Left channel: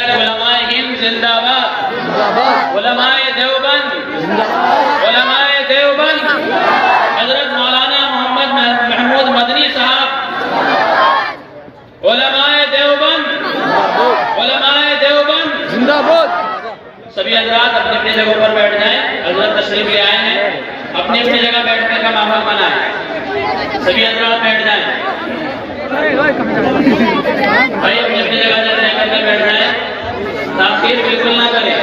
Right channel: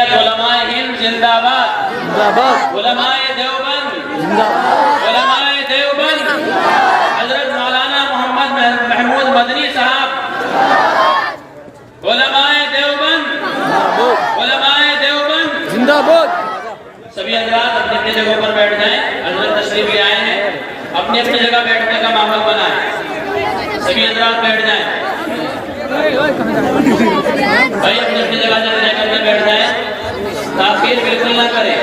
علماء ہند زندہ باد، علماء دیوبند، علماء دیوبند، حضرت مولانا محمد محمود مدنی صاحب، علماء دیوبند، علماء دیوبند زندہ باد۔ سبھی حضرات اپنی اپنی جگہ پر بیٹھ جائیں، حضرت تشریف لے آئے ہیں، اپنی اپنی جگہ بیٹھنے کا ماحول بنائیں، سبھی حضرات بیٹھ جائیں، بھائی اپنی اپنی جگہ سے لے کر کے بیٹھ جائیں، تاخیر بالکل نہ کریں،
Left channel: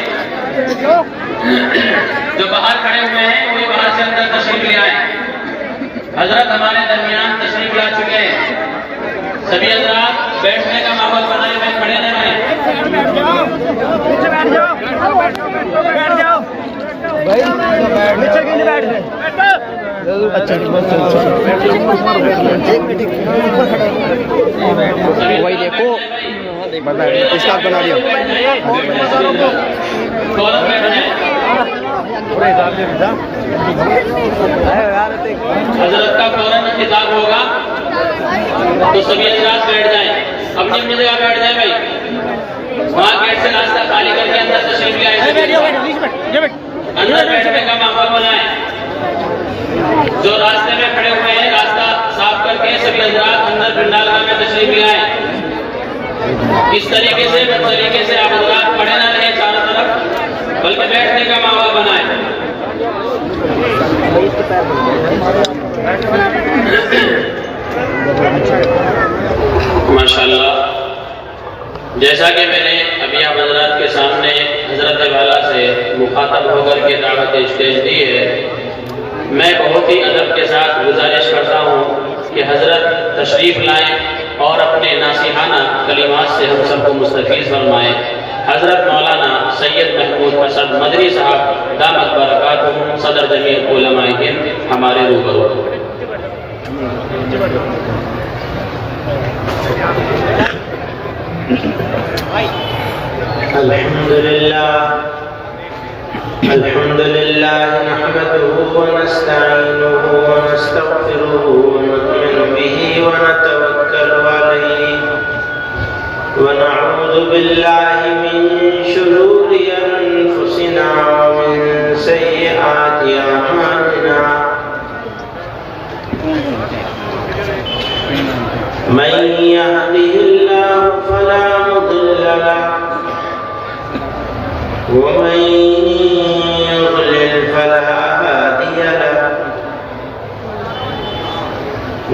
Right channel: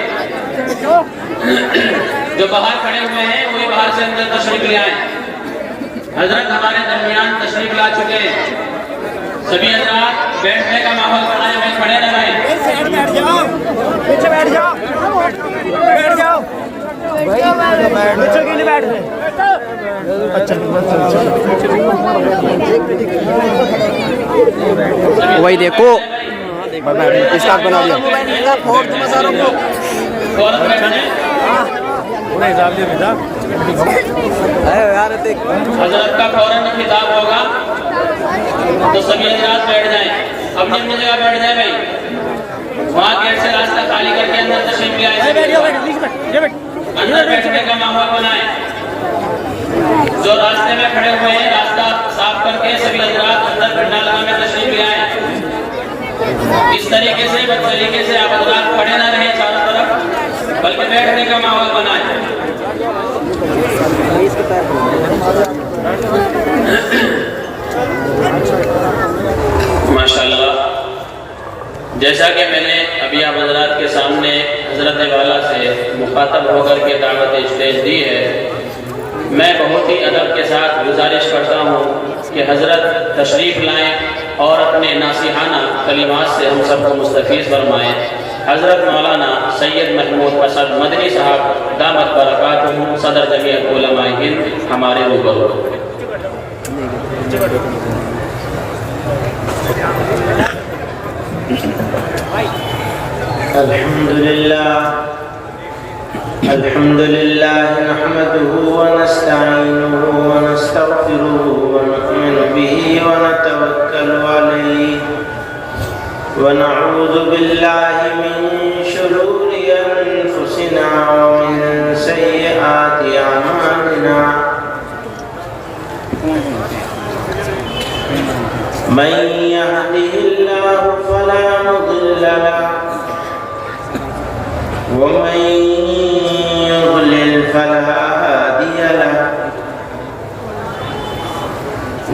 جو باہر کھڑے ہوئے ہیں وہی باہر سے اندر تشریف لے آئیں۔ حضرت ہمارے درمیان تشریف لا چکے ہیں، سبھی حضرات بیٹھنے کا ماحول بنائے ہوئے کھڑے نہ رہیں۔ نیچے بیٹھ جاؤ، بیٹھ جاؤ بھائی، نیچے کیوں نہیں بیٹھ رہے؟ وہی دیکھو اسٹارٹ بنا دیا۔ حضرت کا فوراً خطاب ہوگا تو سبھی حضرات بیٹھ جائیں، اپنی اپنی جگہ بیٹھ جائیں بھائی، وہاں گیٹ سے راستہ خالی کر کے اندر تشریف لے آئیں، اندر بیٹھنے کا ماحول بنائیں، جو راستے میں کھڑے ہوئے ہیں راستہ صاف کر کے سبھی حضرات اندر پنڈال میں تشریف لے آئیں۔ اس طریقے سے آپ حضرات کھڑے نہ رہیں چاروں طرف، بلکہ بیٹھنے کا ماحول بنائیں۔ ماشاءاللہ، جیسا کہ میں نے ابھی آپ حضرات کے سامنے حضرت والا سے مخاطب ہو کر کے دعوت اسٹیج دی ہے، میں بہت ہی ادب کے ساتھ گزارش کرتا ہوں کہ حضرت تشریف لائیں اور اپنے ناصحانہ کلمات سے ہم سب کو مستفیض فرمائیں۔ حضرت مولانا سید محمود اسد مدنی صاحب دامت برکاتہم صدر جمعیت علماء ہند ہمارے روبرو۔ الحمد لله نحمده ونستعينه ونستغفره ونؤمن به ونتوكل عليه ونعوذ بالله من شرور أنفسنا ومن سيئات أعمالنا من يهده الله فلا مضل له ومن يضلل فلا هادي له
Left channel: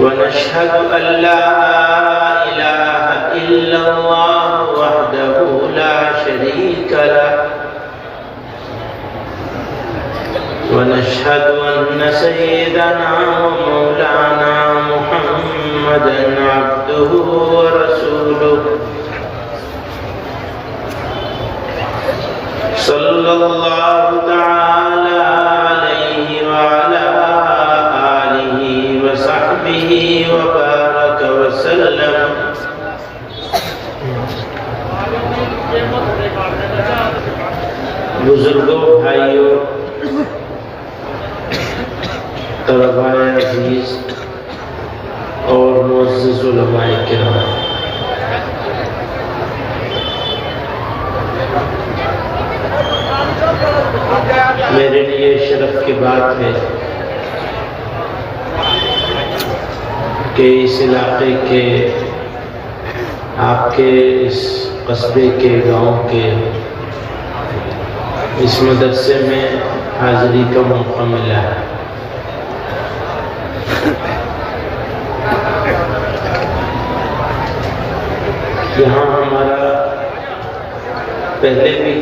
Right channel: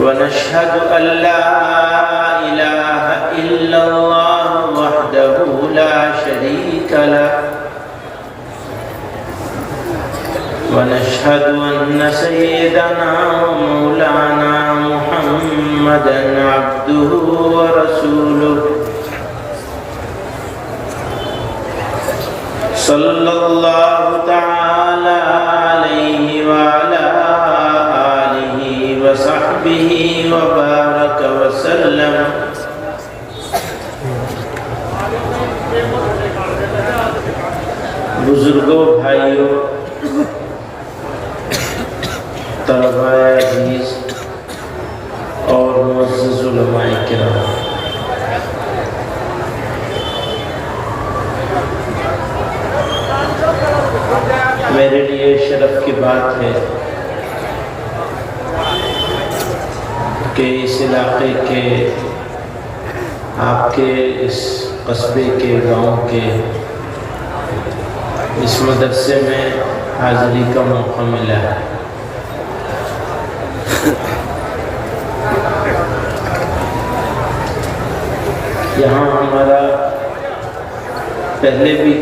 ونشهد أن لا إله إلا الله وحده لا شريك له ونشهد أن سيدنا ومولانا محمدا عبده ورسوله صلى الله تعالى عليه وعلى آله وصحبه وبارك وسلم۔ بزرگوں، بھائیوں، طلباء عزیز اور معزز علماء کرام، میرے لیے شرف کی بات ہے کہ اس علاقے کے، آپ کے اس قصبے کے، گاؤں کے اس مدرسے میں حاضری کا موقع ملا ہے۔ یہاں ہمارا پہلے بھی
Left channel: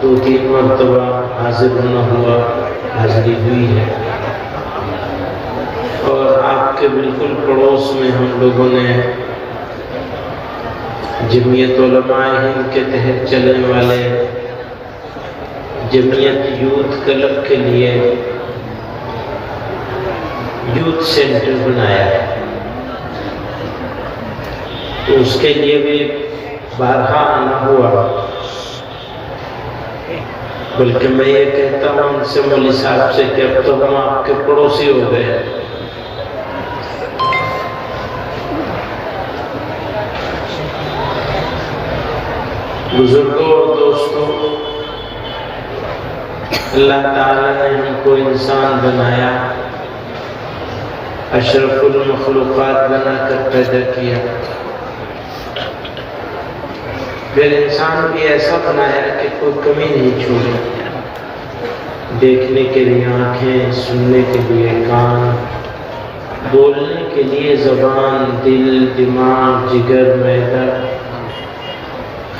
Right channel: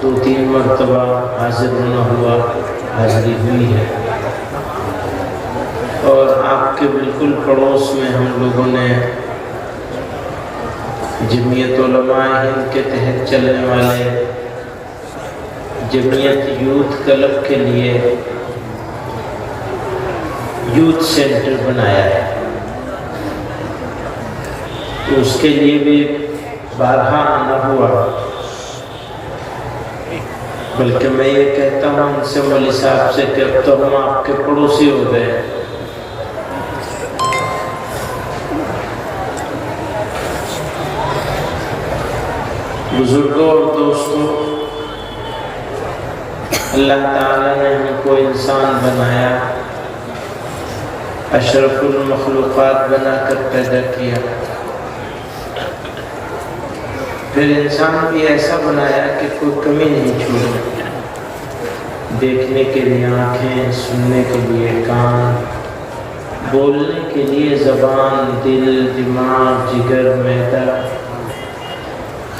2-3 مرتبہ حاضر ہونا ہوا، حاضری ہوئی ہے، اور آپ کے بالکل پڑوس میں ہم لوگوں نے جمعیت علماء ہند کے تحت چلنے والے جمعیت یوتھ کلب کے لیے یوتھ سینٹر بنایا ہے، تو اس کے لیے بھی بارہا آنا ہوا، بلکہ میں یہ کہتا ہوں ان سے مولی صاحب سے کہ اب تو ہم آپ کے پڑوسی ہو گئے۔ بزرگوں اور دوستوں، اللہ تعالیٰ نے ہم کو انسان بنایا، اشرف المخلوقات بنا کر پیدا کیا، پھر انسان بھی ایسا بنایا کہ کوئی کمی نہیں چھوڑی، دیکھنے کے لیے آنکھیں، سننے کے لیے کان، بولنے کے لیے زبان، دل، دماغ، جگر، معدہ،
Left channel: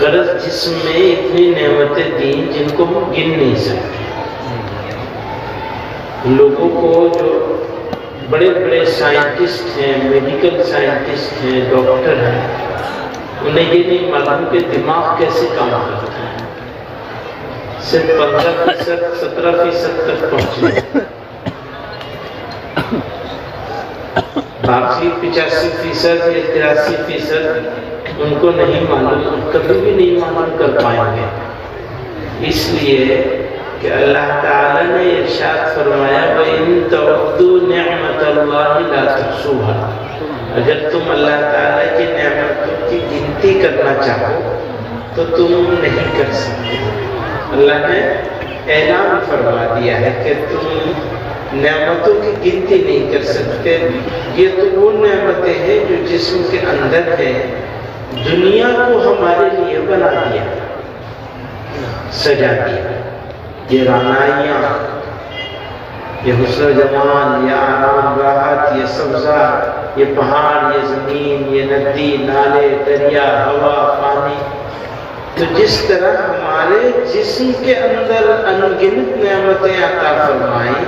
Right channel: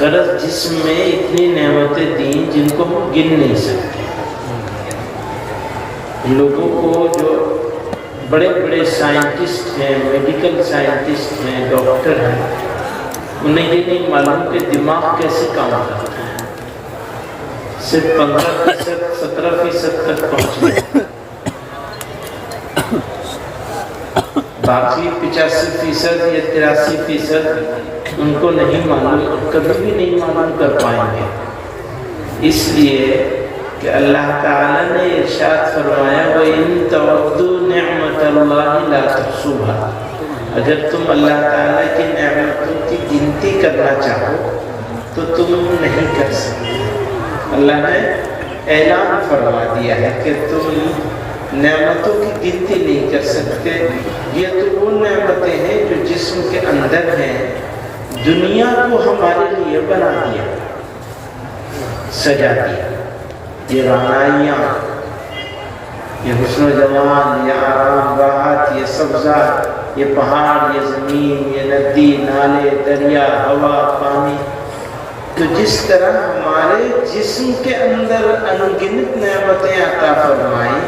غرض جسم میں اتنی نعمتیں دیں جن کو گن نہیں سکتے۔ لوگوں کو جو بڑے بڑے سائنٹسٹ ہیں، میڈیکل سائنٹسٹ ہیں، ڈاکٹر ہیں، انہیں یہ نہیں معلوم کہ دماغ کیسے کام کرتا ہے، صرف 15%، 17% تک پہنچے، باقی 85% یا 83% ان کو نہیں معلوم، کبھی بھی نہیں معلوم کر پائیں گے، اس لیے کہ اللہ تعالیٰ نے ارشاد فرمایا وَإِن تَعُدُّوا نِعْمَةَ اللَّهِ لَا تُحْصُوهَا، اگر تم اللہ تعالیٰ کی نعمتوں کی گنتی کرنا چاہو تو تم نہیں کر سکتے۔ اللہ نے اعلان فرما دیا ہے کہ تم نعمتوں کی گنتی نہیں کر سکتے، یہ تو وہ نعمتیں ہیں جو جسم کے اندر ہیں، دنیا کو ہمارے لیے بنا دیا، سجا دیا، یہ رعنائیاں، یہ حسن جمال، یہ آرام راحت، یہ سبزہ، یہ پہاڑ، یہ زمین، یہ ندی، نالے، دریا، ہوا، پانی، تو جس طرح ہمارے جسم کے اندر انگنت نعمتیں عطا فرمائیں،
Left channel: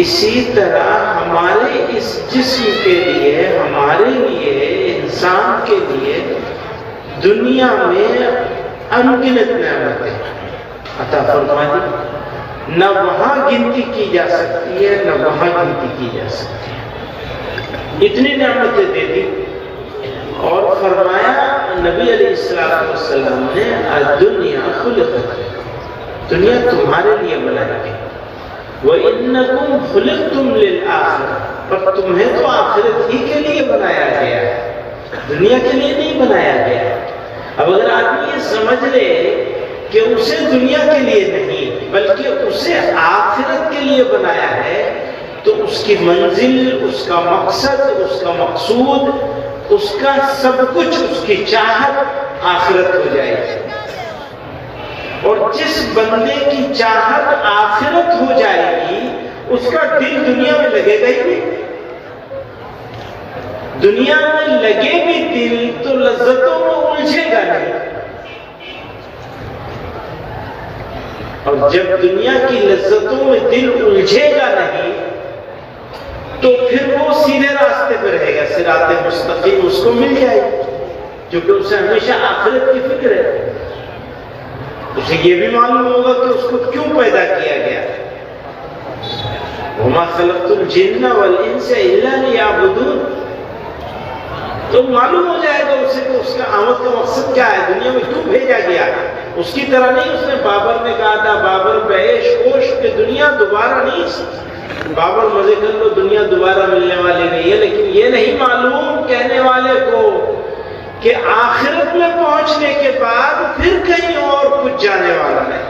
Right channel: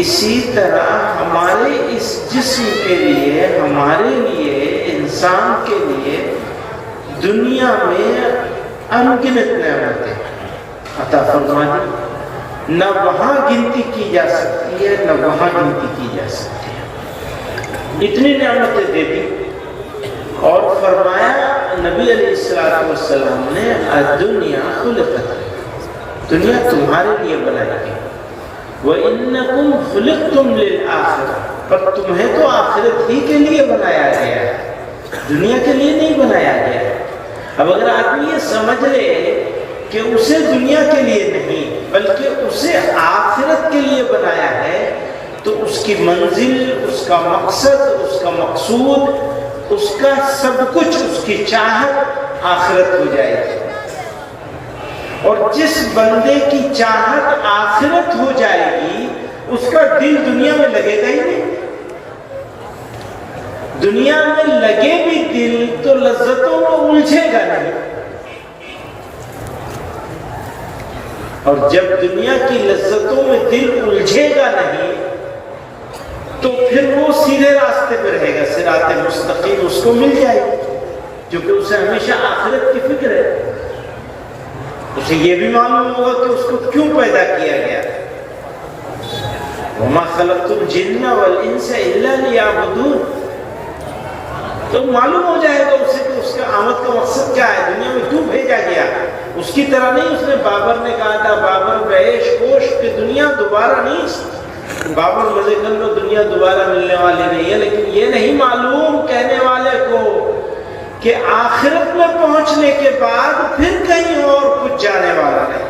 اسی طرح ہمارے اس جسم کے لیے، ہمارے لیے، انسان کے لیے دنیا میں انگنت نعمتیں عطا فرمائیں، نہ وہاں گنتی کی جا سکتی ہے، نہ وہاں گنتی کی جا سکتی ہے، اتنی نعمتیں دے دی، اور فرمایا نبی علیہ السلام نے دنیا خلقت، دنیا تمہارے لیے بنائی گئی، وَإِنَّكُمْ خُلِقْتُمْ لِلْآخِرَةِ، پر تمہیں تو آخرت ہی کے لیے بنایا گیا ہے، دنیا کے لیے نہیں بنایا گیا۔ اب اگر آدمی یہ سمجھ لے کہ اسے دنیا کے لیے نہیں بلکہ اسے آخرت کے لیے بنایا ہے، تو اس کی منزل، اس کا مقصد، اس کا مقصود، اس کا سب کچھ، اس کی چاہت آخرت ہو جائے گی۔ اور جس بندے کی چاہت آخرت ہو جائے گی، اس کا دل دنیا میں لگے گا ہی نہیں، دنیا میں لگے بھی دل تو لذتوں میں الجھے گا نہیں، اور جب دنیا کی لذتوں میں دل الجھے گا نہیں تو پھر وہ سیدھے راستے پہ رہے گا، صراط مستقیم اس کو مل جائے گا، کیونکہ اسے ہمیشہ آخرت کی فکر ہے، اسے یہ بھی معلوم ہوگا کہ اس کو کیوں پیدا کیا گیا، وَمَا خَلَقْتُ الْجِنَّ وَالْإِنسَ إِلَّا لِيَعْبُدُونَ، تو معلوم ہو جائے گا اسے کہ اس کا آمد کا مقصد کیا ہے، دنیا میں کیوں بھیجا گیا۔ اس کی طرح نہیں، اس نے بابر نے کہا تھا بابر بیش کوش کہ دنیا دوبارہ نہیں، بابر مزے کر لو، دنیا دوبارہ ملنے والی نہیں ہے، لیکن یہ نہیں معلوم کہنے والے کو کہ آخرت میں پہنچنے کے بعد پھر کہیں اور کچھ جانے والا ہے،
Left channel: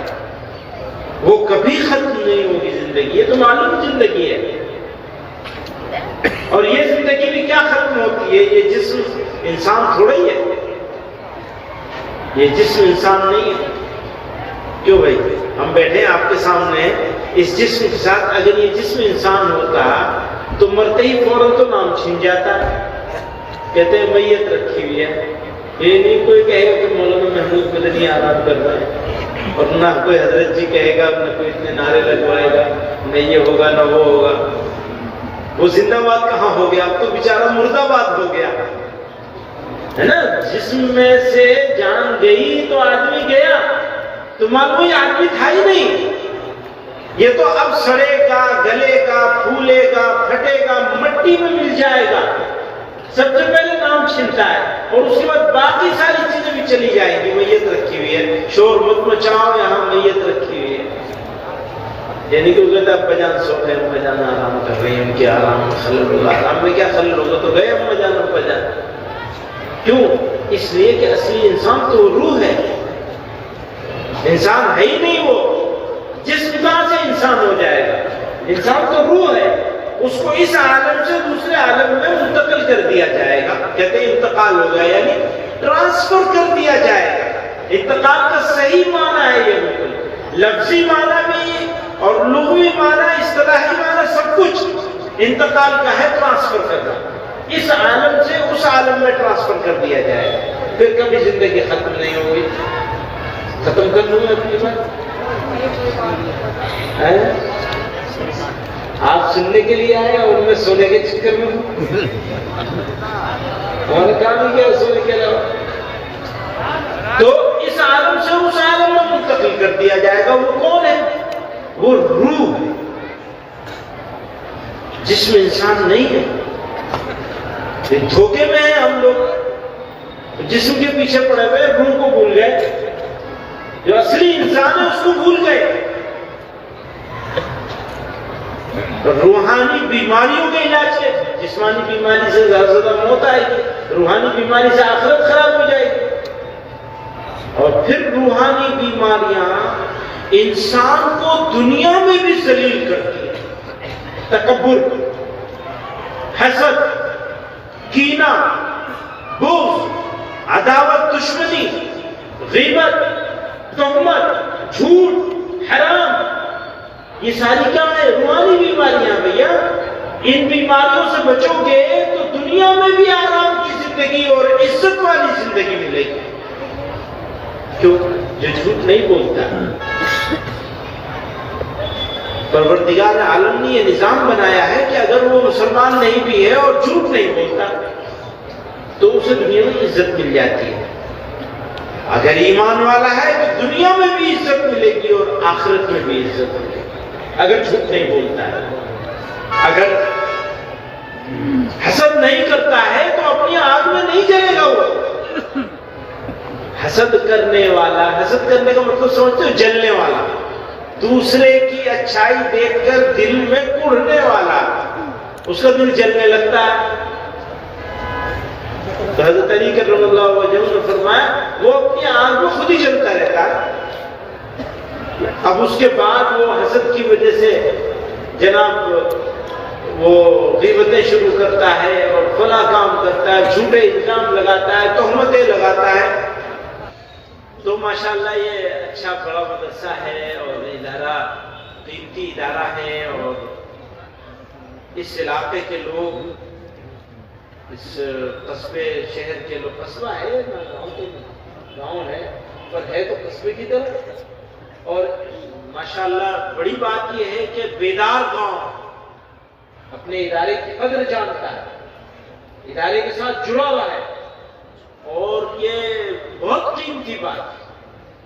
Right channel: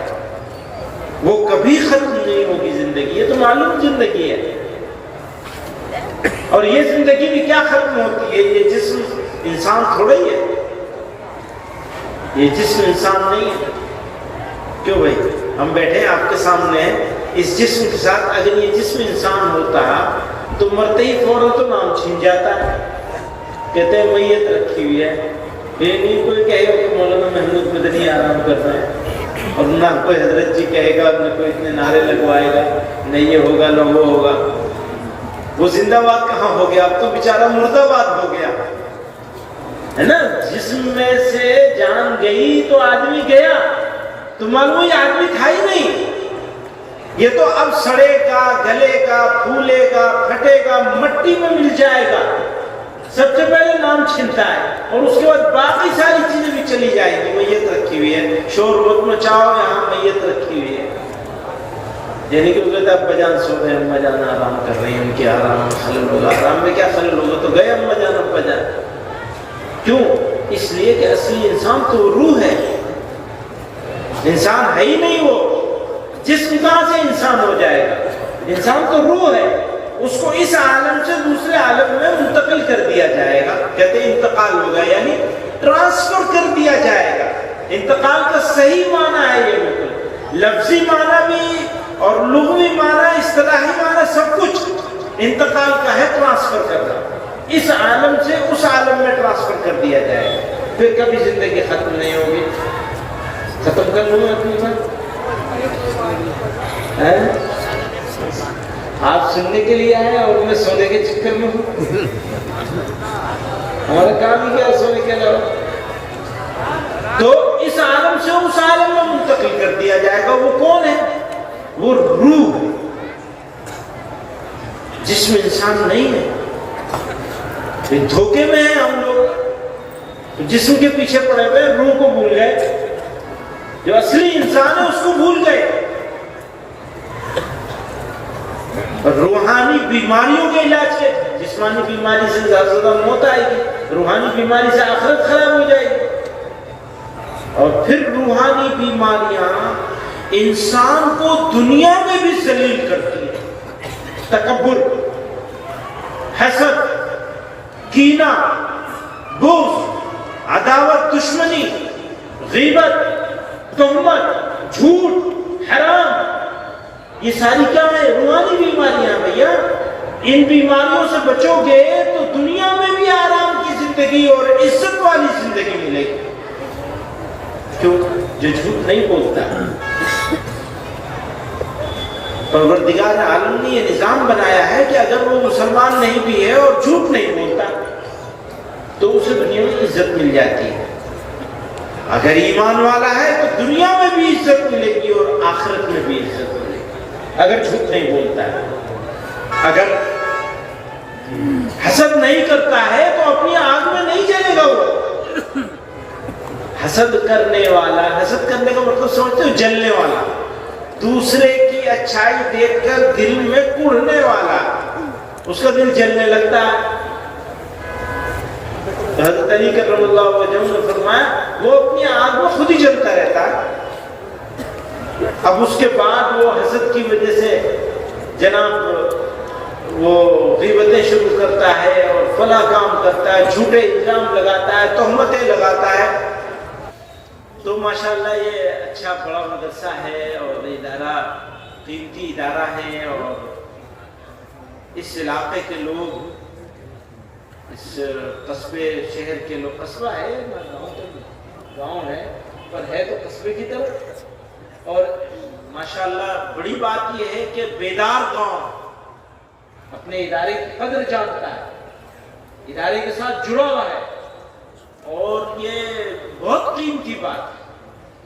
وہ کبھی ختم نہیں ہوگی زندگی، یہ تو معلوم زندگی ہے، اور یہ زندگی بھی کیا ختم ہوتی ہے، یہ جسم انسان تھوڑا ہی ہے، یہ جسم انسان نہیں ہے، کیوں بھائی ہم بیٹھے آپ کے سامنے اس جسم کے ساتھ، اگر یہ جسم انسان ہوتا تو مرتے ہی فوراً تو نام چھن جاتا ہے، کہتے ہیں میت رکھی ہوئی ہے، یہ نہیں کوئی کہے گا کہ مولانا محمود مدنی آرام کر رہے ہیں، اور نہ کوئی حضرت جی کہے گا، نہ کوئی اتنے نعرے لگوائے گا، نہ یہ ہوگا نہ وہ ہوگا، وہ زندہ باد کہاں ہو گیا، اب تو بیچارہ مردہ باد ہو گیا ہے نا، جسم میں سے جان گئی تو آدمی گیا، تو معلوم یہ آدمی تھا ہی نہیں، یہ تو اب سڑے گا، گلے گا، پھولے گا، پھٹے گا، مٹی میں مل جائے گا، سب سے پہلے نام چھنتا ہے، اور اس کے بعد باقی ساری چیزیں بھی چلی جائیں گی، میت رکھی ہوئی ہے، شور مت مچاؤ، یہاں میت رکھی ہوئی ہے، یعنی کہ کہتا ہے بجان سو ہے، بجان آرام کر رہی ہیں، ان کی آرام خلل ہوگا، آرام میں کیا خلل ہوگا، تو گئے بجان بجان، کیوں؟ اس لیے کہ اصلی انسان تو روح ہے، انسان ہے ہی نہیں وہ، جسم کہاں سے انسان ہو جائے گا؟ انسان تو روح ہے، اس کو اس عالم سے دوسرے عالم میں منتقل کر دیا جائے گا، کہتے ہیں انتقال ہوگا، یعنی ٹرانسفر کر دیا جائے گا۔ انتقال کا صحیح معنی ہے یہ، بالکل لفظی معنی بھی اور لغوی معنی، اصطلاحی معنی، سب کچھ انتقال کا ہے، ٹرانسفر کرنا، اس عالم سے اس عالم میں ٹرانسفر کر دیا جائے گا، پھر کبھی زندگی ختم نہیں ہوگی۔ ختم کر لوں گا اپنی بات؟ آپ سننے کے لیے آئے اور میں سونے کے چکر میں ہوں، اور کام ہی کیا سونے کے علاوہ؟ تو اس عالم سے اس عالم میں منتقل کر دیا جائے گا۔ وہ کون ہے؟ وہ روح ہے، جسم انسان نہیں ہے۔ دھوکے میں ہیں ہم لوگ، جسم کے پیچھے پڑے ہوئے، روح کو بھول گئے، جو اصلی انسان ہے اس کو بھول گئے۔ روحانی بیماریوں کے علاج کے، جسمانی بیماری سے زیادہ موت آئے گی، روحانی بیماری سے آخرت خراب ہو جائے گی، اور پھر روحانی بیماریاں انسان کو دنیا میں بھی ذلیل کرتی ہیں۔ تکبر، حسد، کینہ، بغض، عداوت، دشمنی، غیبت، تہمت، جھوٹ، حرام، یہ ساری کیا ہے؟ روحانی بیماریاں۔ بھیا ان بیماریوں سے بچو گے تو دنیا میں بھی آرام کی زندگی اور عزت والی زندگی ملے گی۔ کیوں؟ جو جھوٹ نہیں بولتا، پروردگار عالم نے یہ نظام بنایا ہے کہ اگر وہ مسلمان نہیں بھی ہے اور جھوٹ نہیں بولتا تو اسے دنیا میں عزت مل جاتی ہے۔ اگر ایمان والا ہے تو دنیا میں بھی عزت ملے گی اور آخرت میں بھی عزت ملے گی، اگر جھوٹ نہیں بولتا ہے۔ اگر حسد نہیں کرتا ہے تو اپنی آگ میں نہیں جلے گا وہ۔ حسد کرنے والا، حسد کرنے کا مطلب سمجھتے ہو؟ جلنے والا، دوسرے کی اچھائی دیکھ کر دل میں کڑھنے والا، اس کا دل جلنے لگتا ہے۔ حضرت علی کرم اللہ وجہہ نے فرمایا وہ اپنی آگ میں خود ہی جلتا رہتا ہے۔ اب اس کے بعد وہ حسد کی وجہ سے جناب وہ غیبتیں شروع کرتا ہے اور فلاں کام کرتا ہے، جھوٹے الزام لگاتا ہے، تہمتیں لگاتا ہے۔ تو ماشاءاللہ یہ اچھا بڑا مدرسہ ہے اور ادارہ قیمتی ادارہ ہے، اور اس علاقے کے لوگ، اس قصبے شہر کے لوگ، قصبہ ہے گاؤں ہے پر ہے تو قصبے کی طرح، اور ماشاءاللہ بڑی بات یہ ہے کہ بیدار گاؤں اپنے ادارے کی قدر جانتا ہے، ادارے کے ساتھ جڑا ہوا ہے، اور یہ بہت قیمتی بات ہے۔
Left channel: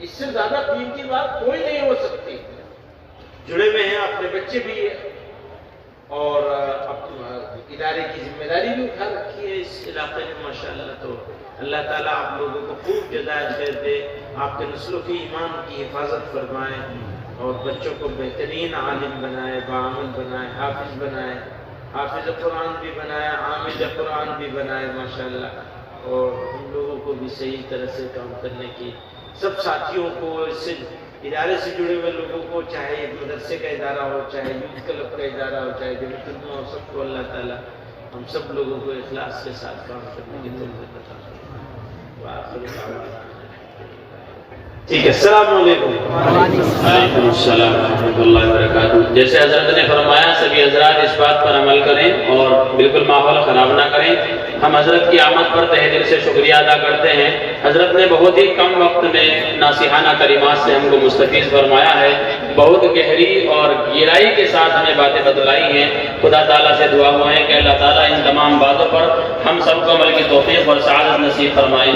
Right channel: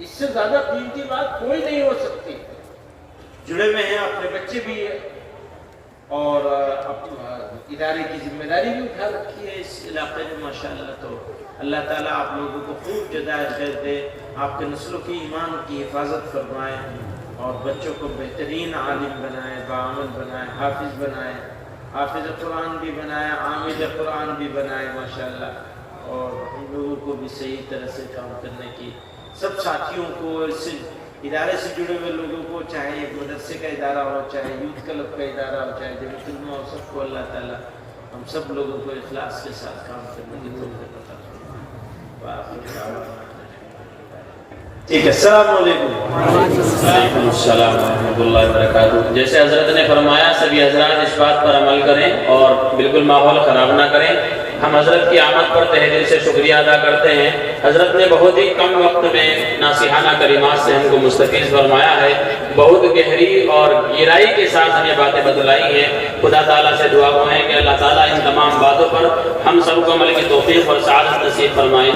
اس سے زیادہ قیمتی بات کوئی نہیں ہو سکتی۔ جڑے ہوئے ہیں، اپنے بچے بھی اور ادارے کی ذمہ داری بھی اٹھا رکھی ہے اس علاقے میں ماشاءاللہ۔ تو اللہ تعالیٰ آپ لوگوں کو خوب جزائے خیر دے، آپ کے نسلوں کی ایمان کی حفاظت فرمائے، اور بچوں کو بہترین عالم بنائے، باعمل بنائے، حافظ بنائے، حافظ قرآن بھی بنائے، عامل قرآن بھی بنائے ماشاءاللہ، اور ہم لوگوں کو بھی صحیح طرح سے کام کرنے کی، سب ساتھیوں کو، اس سے ادارے سے جڑے ہوئے لوگوں کو، چاہے مدرسے کا ادارہ ہو، چاہے یوتھ کلب کا ادارہ ہو، چاہے جمعیت علماء ہو، سب کو اللہ تعالیٰ ہم سب لوگوں کو اخلاص کے ساتھ کام کرنے کی توفیق عطا فرمائے۔ ٹھیک ہے، السلام علیکم۔ وعلیکم السلام ورحمۃ اللہ وبرکاتہ۔ جیسے حضرت نے فرمایا سبھی حضرات اس بات پر عمل کریں اور بالکل ماحول خراب نہ کریں۔ ہم حضرت کی آمد پر تہ دل سے شکریہ ادا کرتے ہیں۔ حضرت نے بہت ہی کم وقت میں ناصحانہ کلمات سے ہم کو مستفیض فرمایا ہے، بہت گہری اور گہرائی کے ساتھ ہمیں باتیں بتلائی ہیں۔ خدا تعالیٰ سے دعا ہے کہ اللہ تعالیٰ ان تمام باتوں پر ہم سب کو عمل کی توفیق اور سعادت نصیب فرمائے۔